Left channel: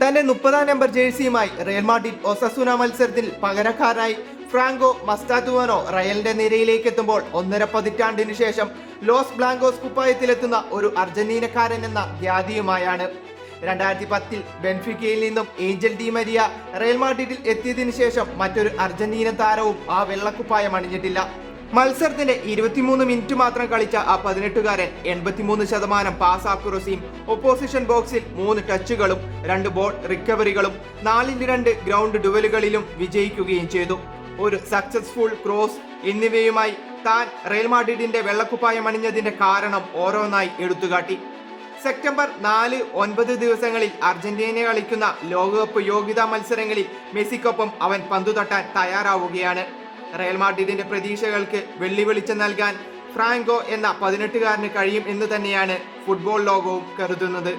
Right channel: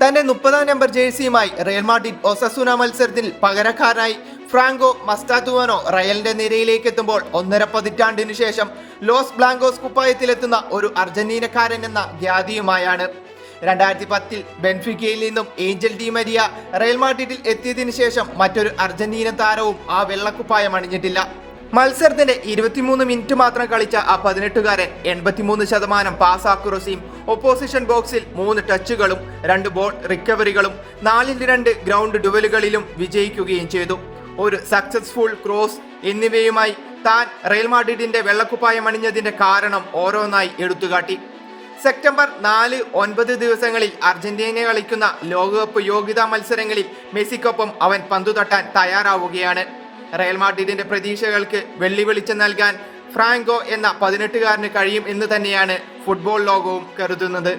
തന്റെ 30-ാം number ജേഴ്സിയുമായി Real Madrid ഒസസുന മത്സരത്തിൽ പകരക്കാരനായി ഫ്രാങ്കോ മസ്റ്റാറ്റുവാനോ റയലിന്റെ നിരയിലേക്ക് എത്തുമ്പോൾ 1.5 പതിറ്റാണ്ടിനു ശേഷം ലോസ് ബ്ലാങ്കോസ് കുപ്പായത്തിലെത്തുന്ന ഒരു അർജന്റീനക്കാരൻ എന്ന ഖ്യാതിയുമായാണ്. 2010-ൽ ബെൻഫിക്കയിൽ നിന്നും ഏഞ്ചൽ ഡി മരിയ റയൽ മാഡ്രിഡിൽ എത്തിയതിനു ശേഷം മറ്റൊരു അർജന്റീന താരവും ആ വെള്ളക്കുപ്പായം അണിഞ്ഞിട്ടില്ല. മത്സരത്തിന്റെ 23 മിനിറ്റ് മാത്രം കളിച്ച ആ 18-കാരൻ 83% പാസ് ആക്യുറസിയും ഒപ്പോസിഷൻ ബോക്സിൽ 3 ടച്ചുകളും 2 ബോൾ റിക്കവറികളും 4-2 ഗ്രൗണ്ട് ഡുവലുകളിലും വിജയിക്കുകയും ചെയ്തു. ഒരു സക്സസ്ഫുൾ ക്രോസ് എന്നിവയുമായി താൻ റയൽ മാഡ്രിഡിന്റെ വെള്ളക്കുപ്പായം അണിഞ്ഞതിന്റെ കാരണം ഓരോന്നായി എടുത്തുകാട്ടി. സെപ്റ്റംബർ 4-9 ദിവസങ്ങളിൽ അർജന്റീന കളിക്കുന്ന ലോകകപ്പ് യോഗ്യതാ മത്സരങ്ങളിൽ മെസ്സിക്കൊപ്പം അവൻ പന്തു തട്ടാൻ തയ്യാറാവുകയാണ്. റയൽ മാഡ്രിഡിന്റെ പ്രതീക്ഷകൾക്ക് വെള്ളി വെളിച്ചം നൽകാൻ ഫ്രാങ്കോ എന്ന 18-കാരന് കഴിയും എന്ന് തന്നെയാണ് ഫുട്ബോൾ ലോകവും കരുതുന്നത്.